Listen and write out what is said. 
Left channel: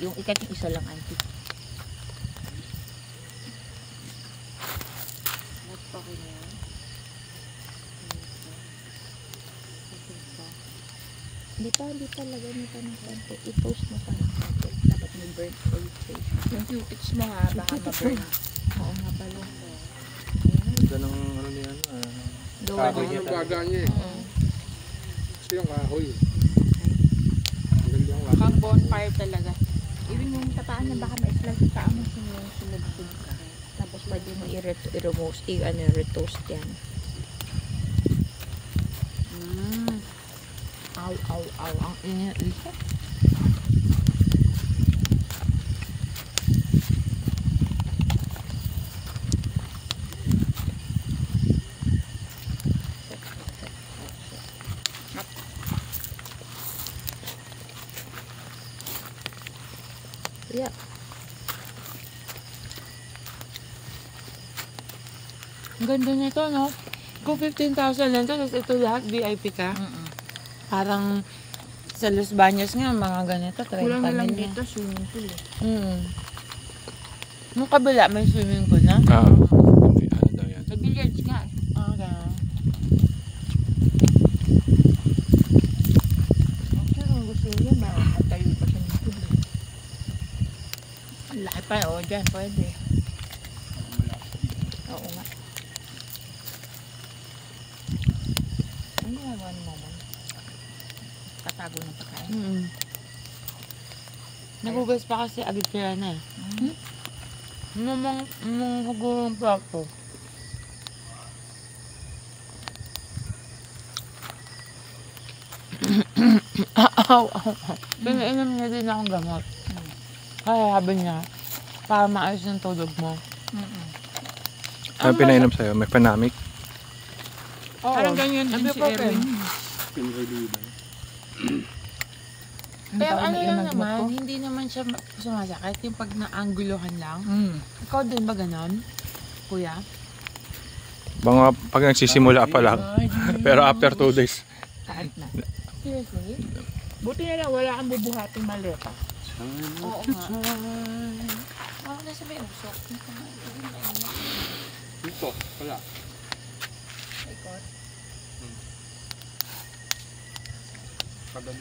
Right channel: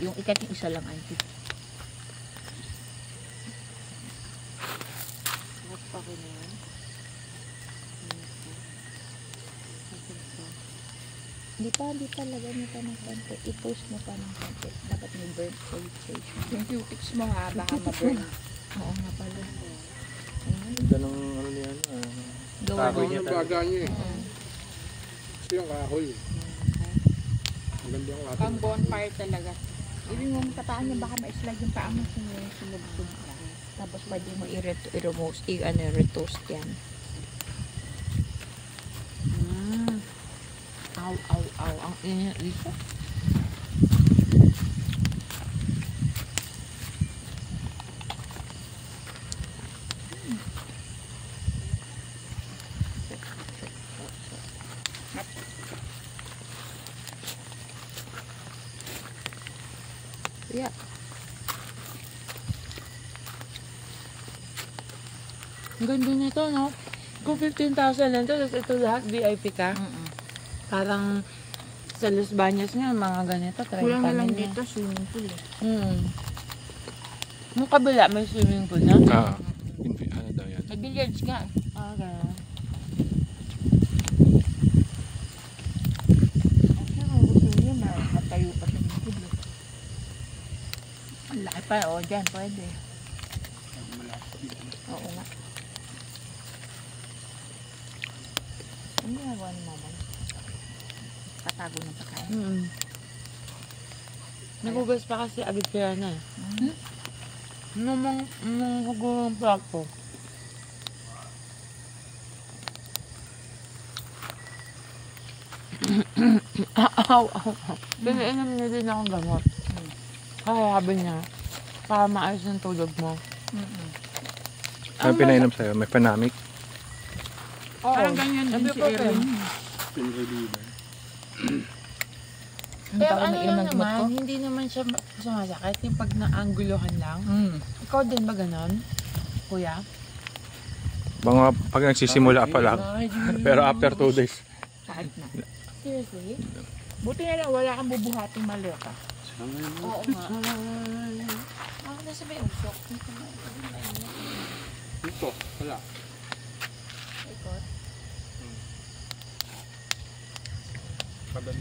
Yung ikat yung isa lang, auntie. What pa ko na yan? Hindi pa lagay mo pa ng konti. I-toast mo pa ng konti. Dapat may burnt oil face. Yung cutics mo ha, baka maburn. Oo nga pala. Ganda ng ano niyan. Gawa Kahoy na. niya Ang baga niya eh. Oo. Ito yung kahoy. Ang ganda yung lahat. Pang bonfire talaga. Even yung pataan mo, baka ma-islag yung paa mo sunod-sunod ka. Tapos pwede mo i-retoast yan. Aw. Ang ina-isa. Yeah. Ang ganda nito, no? Kung 15,000 lang ito, tapos ito lahat VIP ka. Parang sa Los Baños nga, mga ganito, 30 Kulang na lang na. dito, swimming pool eh. Yung kabila, may swimming pool, no? Hindi, ano daw yan. Sa billiards ka. Okay. Kung gusto niyo, matayo pa siya ng pool. Ang laki pa, o dyan, pwede. Oo nga. Ano ginagawa ni mama? Tatago ng pagkain. Nagugas pa kasi agad kaya na. Namang hugong plato. Pinainom niya din akong gamot. Kaya sabi niya, para maayos ng tulog mo. Ano pinainom sa'yo? May panamik? Parang ganyan din si Erwin. Pinreliver. Pero ano lang naman, hindi naman siya sumasakit. Yung pag naangguluhan lang. Ikaw din ba ganon, kuya? Mga pag nagsisimula pa lang. Pero after 2 days. Kahit na. Seriously? Buti na lang, wala kang bubuhating maliit. Oo nga. Ako na sa may usok. Ito, wala. Ikot. Kagan